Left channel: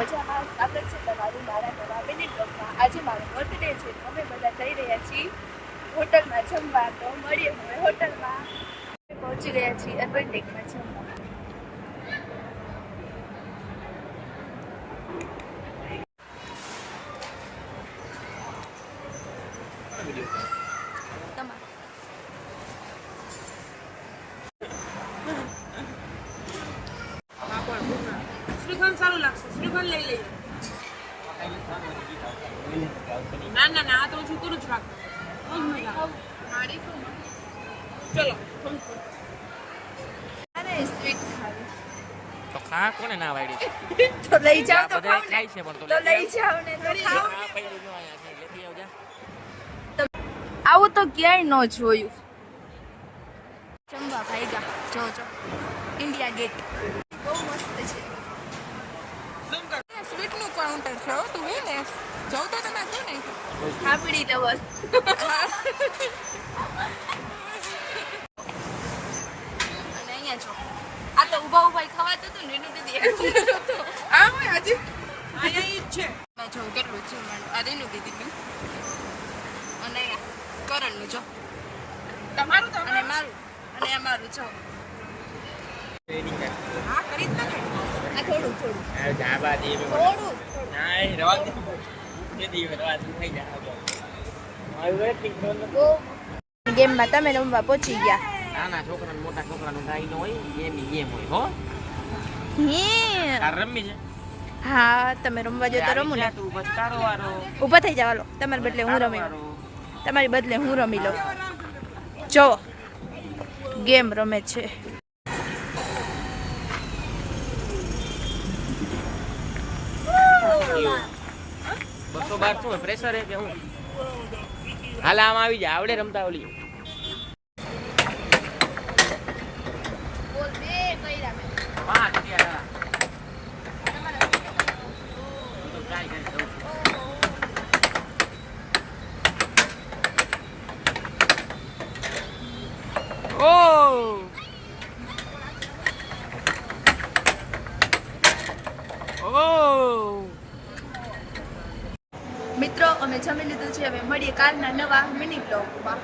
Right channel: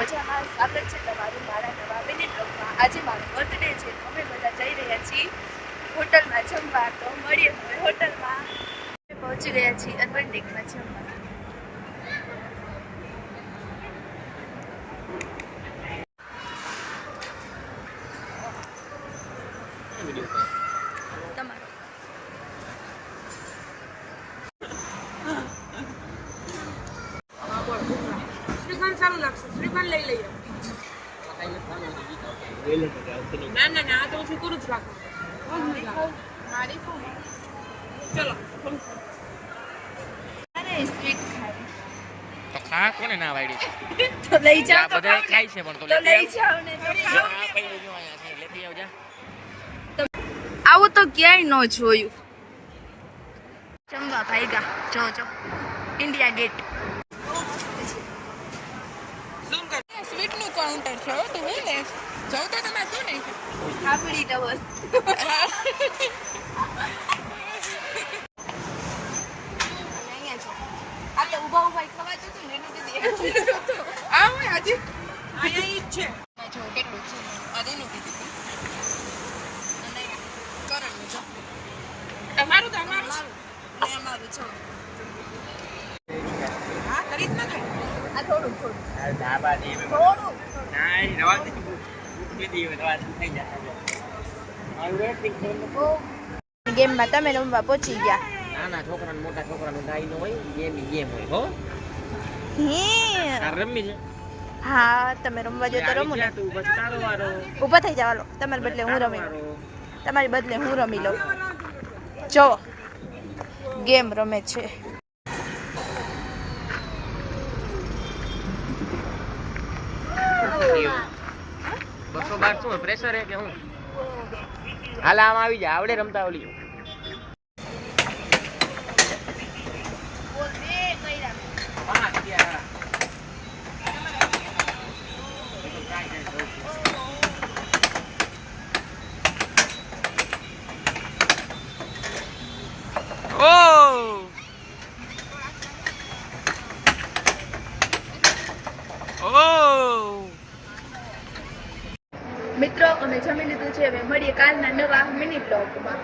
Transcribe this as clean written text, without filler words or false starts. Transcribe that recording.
મજામાં સ્વાગત છે તમારું મારા નવા મિની બ્લોગમાં। આજે મારો બર્થડે છે તો અમે બધા જઈ રહ્યા છીએ હોટલમાં જમવા। તો મળીએ હવે હોટલમાં। પહોંચી ગયા છીએ અર્બન ટેકમાં જમવા। તમારો શ્રીખંડ સારું લાગશે, શ્રીખંડ લઈ લઈએ। ના ના ના, આ તો હું કરું જ રાખું। ચલો અરે સ્વીટ ખાવી તો ખા કોને ના વાડી તો લઈ જાઓ તો બધા ખાય છે પણ તો તો લઈ જાઓ ને તો આ પૈડું જો આયા છે લેતી આવજા। આવું તો ક્યાંય ન જોયું। જમવા ભાઈગા જો જો ઇન્ડિયા ગેટ બહુ મસ્ત છે। ઝૂમ કર, સ્વીટ નું કાઉન્ટર છે હો, તું ને જાવ તો તમે શું નહીં આપડી લવર અને અહીંયા જો આ તો ઊભા ઊભા ખવાતું હતું ને એનું દીદી આ હું આજે અહીંયા ઈ જ છે। મેં જો કેટલું છે આ રેનું દીદી અને કરણનું જો તમારું અને તમારું મારું અને અમારું જો હા કરી જ નાખે। આ થોડું થોડું આ ધાબા દે થોડું ના રવા દે ભૂખ દે રવા ખાઈ જા આવી રે પિંકન બહુ ગેમમાં તમે રમવા પહોંચી ગયા। નાના છોકરાને મોટા છોકરાનું ગાય નો હોય ગેમ હોય હો હે આ રમી છે હા તમે રમવા જો તો રમો ને તું બસ તારો વારો ઊભા થઈ જાવ, તમારી બદલે હું રમી લઉં, તમારી બદલે હું રમી લઉં। જો ગેમ રમે છે। બસો બાર શું પ્રેશર હે કે હું હાલ આમ આવી જા આવડે રમતા ઓલી પાંચ ત્યાં મિત્રો અમે જમી લીધું છે, હવે મળીએ કાલના નવા મિની બ્લોગમાં।